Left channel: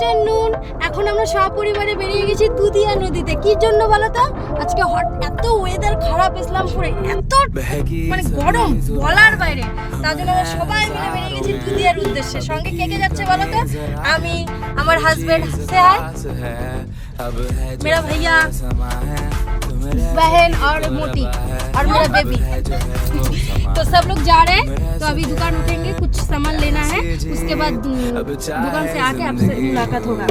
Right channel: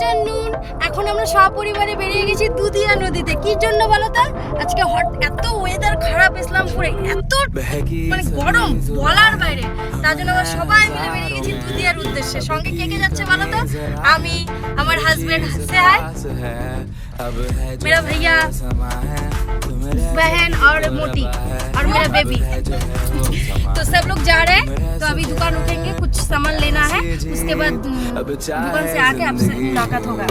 Afternoon. এখন আমরা সপরিবারে বেরিয়ে গেছি দুধিয়া নদীতে। কি জন্য বলো তো? আজকে এত ওয়েদার খারাপ ইসলামপুরে, এত মানে গরম বলার বাইরে। তার জন্য আমরা সবাই মিলে বেরিয়ে গেছি দুধিয়ার উদ্দেশ্যে। সঙ্গে কে কে যাচ্ছে বলো তো? আমি, আমার হাজবেন্ড से है, मेरा भैया, बहन और मोती और मेरा बेबी। तो सब लोग जा रहे हैं। तो अभी दुकान उठेंगे, कुछ सामान लेना है, उसके बाद दुकान से आके आपसे मुलाकात होगा।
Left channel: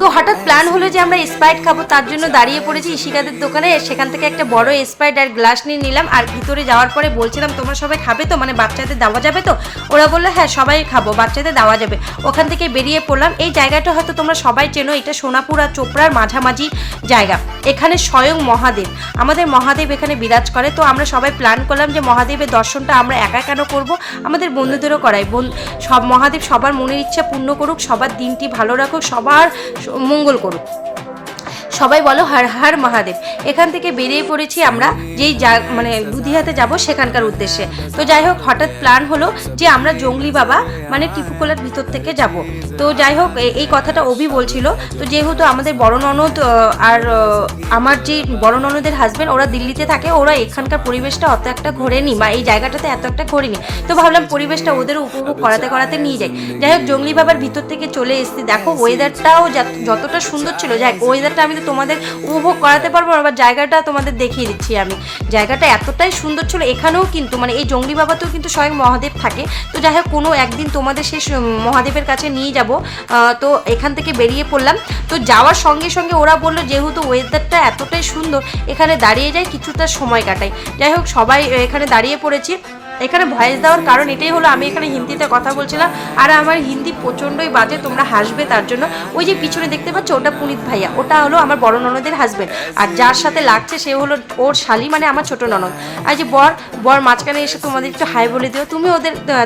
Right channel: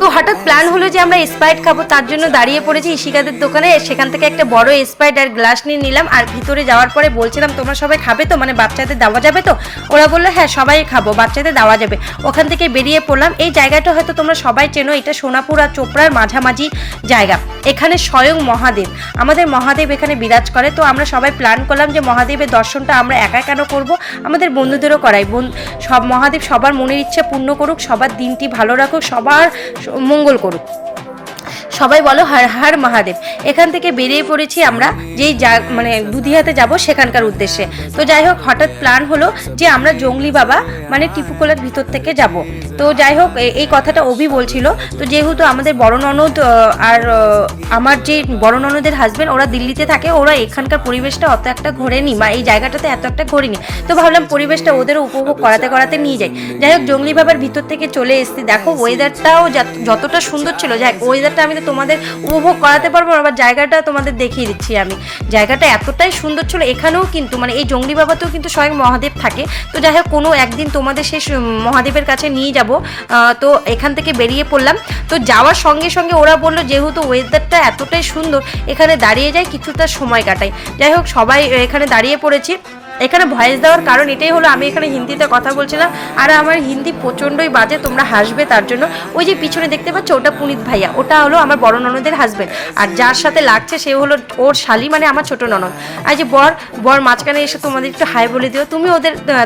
তো হঠাৎ প্ল্যান হলো যে আমরা স্প্রাইট খাবো, তার জন্য দাঁড়িয়ে পড়েছি ইশিকাদের দোকানে। সেখান থেকে একটা বড় স্প্রাইট আর গ্লাস নিয়ে নিলাম। আর ভিতরে যাওয়ার পরে বলছিলাম তোমরা সবাই খাবে তো, মানে বাচ্চাদের দেওয়া যাবে তো? ওরা বললো হ্যাঁ সবাই খাবো, বাচ্চাদের দেওয়া যাবে। ওখান থেকে বেরিয়ে পড়লাম। এই জায়গাটা হয়তো তোমরা সবাই চেনো, এটা সোনাপুর আর চোপড়ার মাঝামাঝি জায়গা। এখানে স্বয়ং মহাদেব, আমাদের মহাদেব এখানে বিরাজ করে। তো আমরা সবাই প্ল্যান করলাম যে মহাদেবের দর্শনটা আমরা একা কেন করব, আমাদের বন্ধুদেরও করাই। সব মহাদেব সবার মনের ইচ্ছা পূর্ণ করুক, সবার দিনটি ভালো রাখুক, সবার মঙ্গল করুক। সবাই বলো হর হর মহাদেব। এখান থেকে বেরিয়ে পড়েছি আমরা যেই মানে দুধিয়াতে যাব সেখানকার উদ্দেশ্যে। তো যাই হোক হঠাৎ প্ল্যান হলো যে আমরা জঙ্গলি বাবা মানে টিপুকোলার ভিতর থেকে যাব। তো যাই হোক এই কথাটা অভি বলছিল। তো যেহেতু আমাদের বড় ননদ আর আমার যে বড় ননদের হাজবেন্ড ওরা দিল্লিতে থাকে, ওরা এখানকার পরিবেশটা অত একটা ঘোরেনি, বা এই জায়গাটাতে এত একটা ঘোরেনি। তো ভাবলাম পরিবেশটা ওদের উপভোগ করাতে করাতে নিয়ে যাই। যাই হোক জঙ্গলি বাবার ভিতর থেকে চলে এসেছি। দেখো ওয়েদারটাও যতটা সুন্দর ছিল, যাই ওয়েদারটা আমি তো তোমাদের উপভোগ করাতে পারবো না, আবার জায়গাটা তোমাদের দেখিয়ে দিচ্ছি আমি। জায়গাটা এতটাই সুন্দর ছিল। এখানেও কিন্তু মানে এই জঙ্গলি বাবাতেও কিন্তু স্বয়ং মহাদেব থাকে। তো যাই হোক কোনো একদিন তোমাদের সেই মহাদেবের কাছে নিয়ে যাব। তো এখান থেকে বেরিয়ে পড়লাম। তো যাওয়ার সঙ্গে সঙ্গে ওরা বললো যেহেতু ওয়েদারটা এতটাই সুন্দর এখানে দাঁড়িয়ে যায় কিছুটা সময় কাটাই। যাই হোক সবাই এখানে দাঁড়িয়ে পড়েছি। এখানে ভয়েস দেওয়ার কারণ এটাই হলো আমি এখানে হিন্দিতে কথা বলছিলাম, আর আমার হিন্দি প্রচণ্ডই বাজে, তোমরা হাসবে তার জন্য। ওই যে পিছনে দেখতে পাচ্ছ ওটা পুনিত ভাইয়া, ওটা হলো আমার বড় ননদের হাজবেন্ড। আর যার সাথে লাগছে সে হলো ওর শালি, মানে আমার ছোট ননদ। আর যে বর মাঝখানে এসে তোমাদের একটু হাই বলে দিও,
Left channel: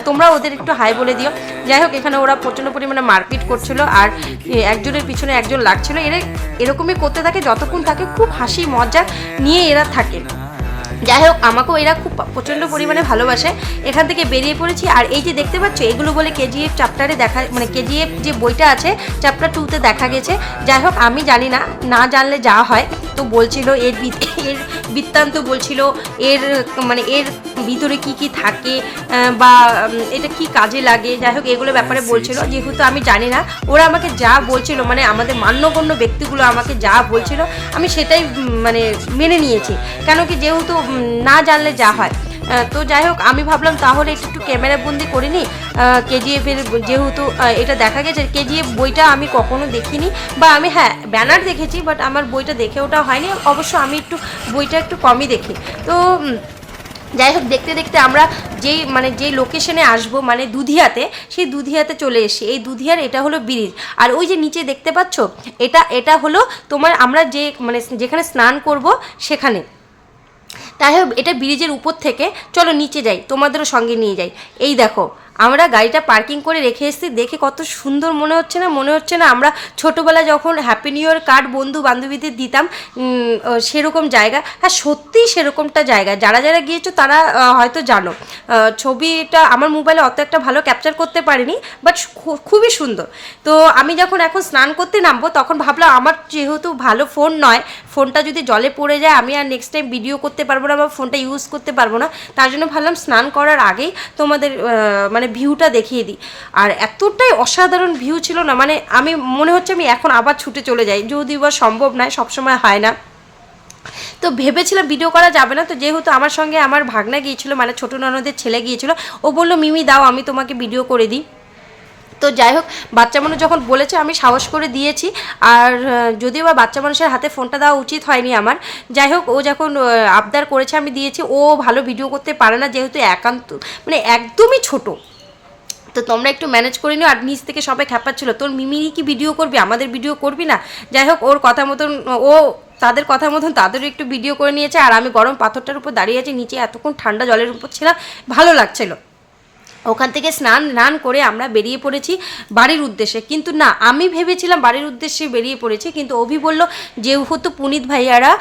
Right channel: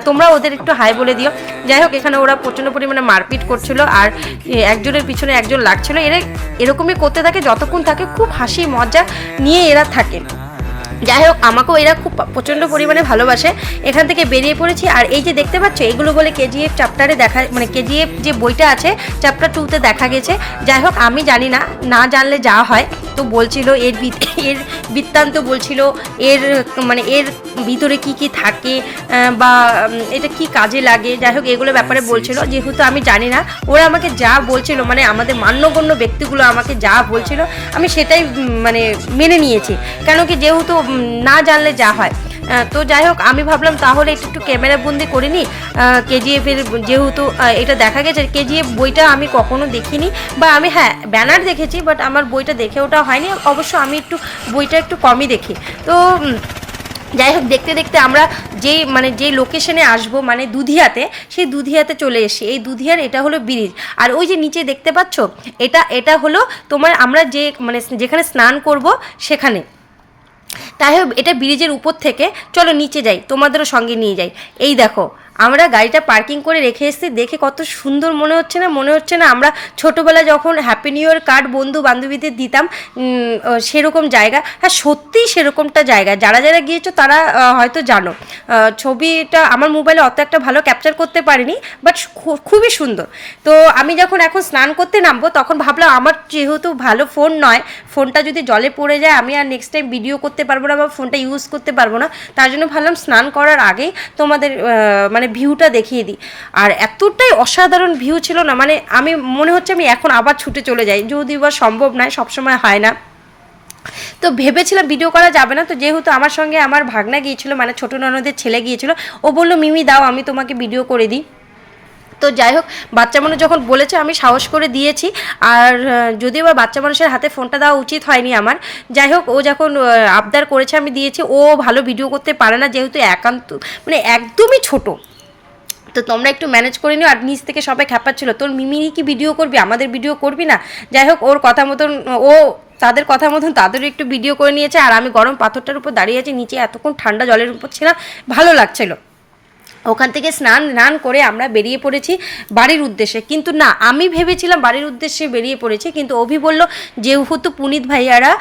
তোমরা ওদের একটু হাই বলে দিও। যাই হোক এখানে ওরা প্রচণ্ড পরিমাণে মারপিট করছিল, আর একজনের পিছনে একজন লাগছিল। এরা এরকমই করতে থাকে যতক্ষণ থাকে, খুব হাসি মজা নিয়ে এরা থাকে। যাই হোক আমাকেও এরা খুব প্রচণ্ড পরিমাণে ভালোবাসে। এখান থেকে বেরিয়ে পড়েছি। আর এই যে দেখতে পাচ্ছ এগুলো বলে কেজিএফ চ্যাপ্টারে দেখা, মানে কেজিএফ যে বইটা আছে চ্যাপ্টার 2-তে দেখা গেছে। যাই হোক আমি জানি না, না জানলে যা হয়। তো বলছিল এর বৃত্তান্ত বলছিল, এর মানে এর ভিতরে কি কি থাকে বা এটা কি কাজে লাগে, যাই হোক এগুলো ব্যাপারে বলছিল। যেহেতু আমি জানি না, ওরা আমাকে যা বলছিল, মানে আমাদের মান্যগণ্য ব্যক্তিগুলো আমাকে যা বলছিল আমি সেটাই মানে মেনে নিয়েছি। কেন কি যেহেতু না জানলে যা হয়। তো যাই হোক আমি ভাবলাম তাহলে একটু ক্যামেরা বন্দি করে নিই। কেজিএফের যেহেতু এটা দেখা গেছে, কেজিএফ বইটা আমি কখনো দেখিনি, বা আমি হ্যাঁ ব্যানার দেখেছি, বাট আমার বইটা দেখে ওটা হয়নি। অবশ্য আমি একটু বইটা একটু কমই দেখি। তো যাই হোক দেখতে দেখতে আমরা যেই লোকেশনে আসবো মানে দুধিয়াতে, সেই দুধিয়াতে চলে এসেছি। এই দুধিয়ার এটা হলো ব্রিজ। আর ওই যে নিচে দেখতে পাচ্ছ এটা হলো তোমার আমরা যে মানে যেখানে স্নান করব সেখানে। তাই হোক এটা ব্রিজের উপর থেকে চলো নিচে যাই, তোমাদেরও সঙ্গে নিয়ে যাই। এই দেখো আমরা গাড়িটা পার্কিং করে রেখে এসেছি, দেখে কত সুন্দর মনে হচ্ছে না আমরা ছোটোবেলায় যখন হ্যাপি নিউ ইয়ার কার্ড বন্ধু বান্ধবীদের দিতাম সেরকম জায়গা। হ্যাঁ সত্যিই সেরকমটা জায়গা, যারা যারা গিয়েছো তারা হয়তো জানো। ছবিটা আমার মোবাইলে অত একটা ভালো ক্যাপচার করতে পারিনি, বাট খুবই সুন্দর। তো আমি যখন এখন স্নান করতে নামবো তখন ভাবলাম আমার যেহেতু ভালো ফোন নয়, ফোনটা যদি জলে পড়ে যায় আমি আর নেক্সট টাইম ভিডিও করতে পারবো না বা ফোনটা ইউজ করতে পারবো না। তার জন্য ভাবলাম স্নান করার আগেই তোমাদের মানে ভিউটা দেখিয়ে দিই। আর এতটাই অসাধারণ ভিউ ছিল না, মানে আমি মনে হচ্ছে আমি এখন আবার ছুটে চলে যাই, যদিও বা সম্ভব নয়, সবসময় হয় না। তো ভেবেছিলাম ভিডিও করা যাবে না, তো যেহেতু আমার সঙ্গে আমার ভাগনা গিয়েছিলো, মানে ছোটো ননদের ছেলে গিয়েছিলো, ও বললো মিমি দাও আমি তোমাকে ভিডিও করে দিই। তো যাই হোক বাচ্চা মানুষ যখন বলেছে আমি সাহস করে দিয়েছি। আর যদিও বা বাচ্চা মানুষের হাতে ফোনটা দেওয়া উচিত হয়নি আমার, যাই হোক ও যখন আবদার করেছে আমি দিয়েছি। ও ভালো ভিডিও করতে পারে না, যেহেতু একান্ত মানে একদমই ছোটো। তো তোমরা একটু ম্যানেজ করে নিও। আর নিচ থেকে সবাই খ্যাপাচ্ছিলো তোর মিমি কি ভিডিও করবি, আমাদের ভিডিও করবি না। যাই হোক ওর কথা মতন তাদের কথা মতন তাদেরও একটু ভিডিও করে নিয়েছে। আর আমি গরম পাথরটার উপর দাঁড়িয়ে আছি, নিচে এতক্ষণ ঠান্ডা জলের উপর ছিলাম, ভালো লাগছিলো। ওখান থেকে স্নান করে আমরা বেরিয়ে পড়েছি বাড়ির উদ্দেশ্যে। কিন্তু না, আমি ভেবেছিলাম বাড়ির উদ্দেশ্যে বেরিয়ে পড়েছি, কিন্তু অভি বলল যেহেতু পুনিত ভাইয়ারা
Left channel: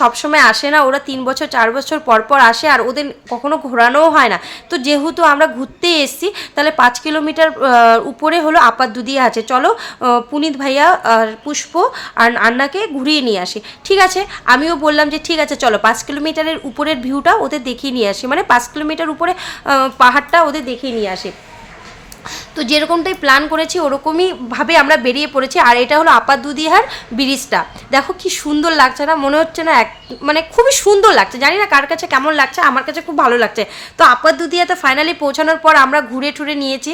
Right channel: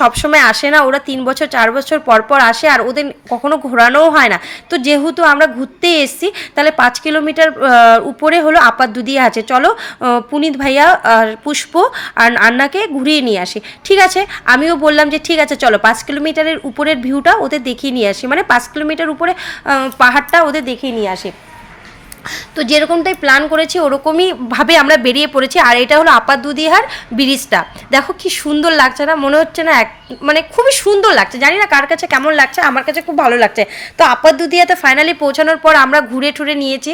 সবসময় আসে না, ওরা 3 বছর 4 বছর পর পর আসে আর ওদের কখনো ঘোরানোও হয় না, তো যেহেতু আমরা ঘুরতে এসেছি তাহলে 5 কিলোমিটার উপরে হলো আপার দুদিয়া আছে, চলো পুনিত ভাইয়া আর পুষ্প আর আন্নাকে ঘুরিয়ে নিয়ে আসি। ঠিক আছে, আমিও বললাম যে ঠিক আছে চলো 5 কিলোমিটারের উপরের ভিউটা ওদের দেখিয়ে নিয়ে আসি, মানে 5 কিলোমিটার উপরে পাহাড়টা ওদের দেখিয়ে নিয়ে আসি। তো যেরকমটাই প্ল্যান করেছি ওরকমই ভাবে আমরা বেরিয়ে পড়েছি। আর এটা হলো আপার দুদিহার ব্রিজটা, দেখো কি সুন্দর লাগছে না, মনে হচ্ছে না মানে খুবই সুন্দর লাগছে, জানি না কার কাছে কেমন লাগছে, আমার কাছে খুব ভালো লাগছে। তো আপার দুদিয়াতে ফাইনালি পৌঁছানোর পর আমরা ঘুরে টুরে নিয়েছি,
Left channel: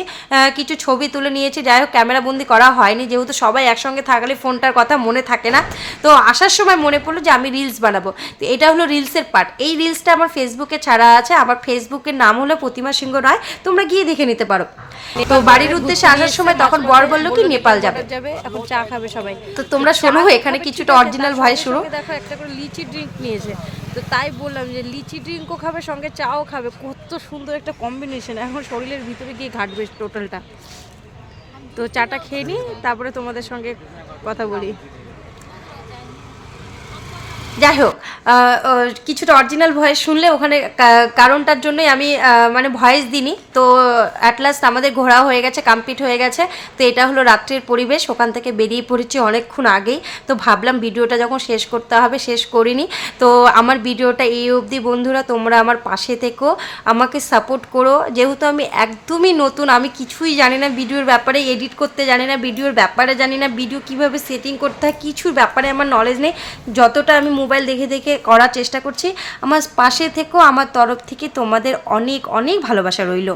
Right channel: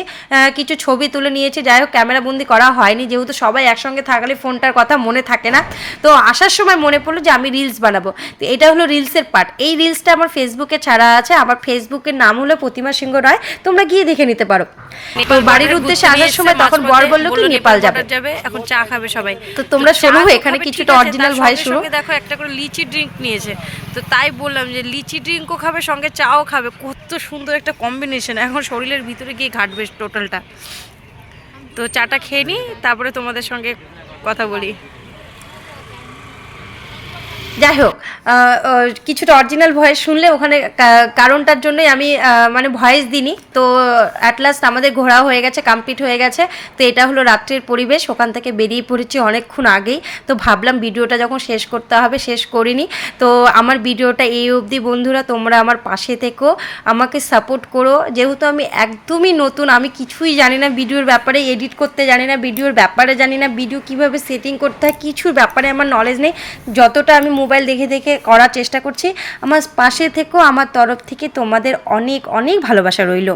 কিছু ছবি তুলে নিয়েছি, যাই হোক ক্যামেরাবন্দি করা হয়নি যেহেতু সবাই একসঙ্গে থাকলে ফোনটার কথা মনে থাকে না। তো আসার সময় মনে পড়লো যে আমি রিলস বানাবো, তো এটা হলো রিলসের পার্ট। এই রিলসটা আমার ফেসবুকে ছাড়া আছে, আমার ফেসবুকের নাম হলো প্রতিমা সিংহ রায়, তোমরা গিয়ে দেখে নিতে পারো। তো বাড়ির উদ্দেশ্যে আসার সময় তখন বর বললো কি নেপাল যাবে, এখন চা খাবে সবাই। তো তোমরা শোনো এখানে কিছুটা অরিজিনাল ভয়েস শুনো। দেখো একটা করে লিচি ড্রিঙ্ক নিয়েছে, তো তাই বললাম যে লিচি ড্রিঙ্কও খাবে সঙ্গে চাও খাবে, কত সুন্দর একটা কম্বিনেশন, এখন শরীরের ভিতরে গিয়ে ঘাটবে টোটালটা। তো চাটা খেয়ে নিই, তারপরে তোমাদের সঙ্গে কথা বলি। যাই হোক কিছুটা অরিজিনাল ভয়েস শুনলে ওখানে কারণটার জন্যই আমি মানে ভয়েস দিইনি। তো অ্যাট লাস্ট আমাদের ঘোরা হয়ে গেছে, কমপ্লিট হয়ে গেছে। তো এটা হলো রাত্রের পরিবেশ, ওখান থেকে বেরিয়ে পড়েছি অনেকক্ষণ আগেই। তো ভাবলাম ভিডিওটা যখন শেষ করতে হবে শেষ করিনি। তো আমার ভিডিওটা এই অবধি, বন্ধুরা তোমরা আমার পাশে থেকো, আমাকে সাপোর্ট করো, যেহেতু আমি একদমই নতুন, আমি কিছুই জানি না ভিডিওর ব্যাপারে, এডিট করতে জানি না, ভিডিওর ব্যাপারে জানি না, ভিডিও কীভাবে সেটিং করতে হয় কিছুর ব্যাপারে আমার নলেজ নেই। যতটা আমি মোবাইল দেখে দেখে করার চেষ্টা করছি, আমার পাশে থেকেও আমার তরফ থেকে তোমাদের অনেক অনেক ভালোবাসা রইল।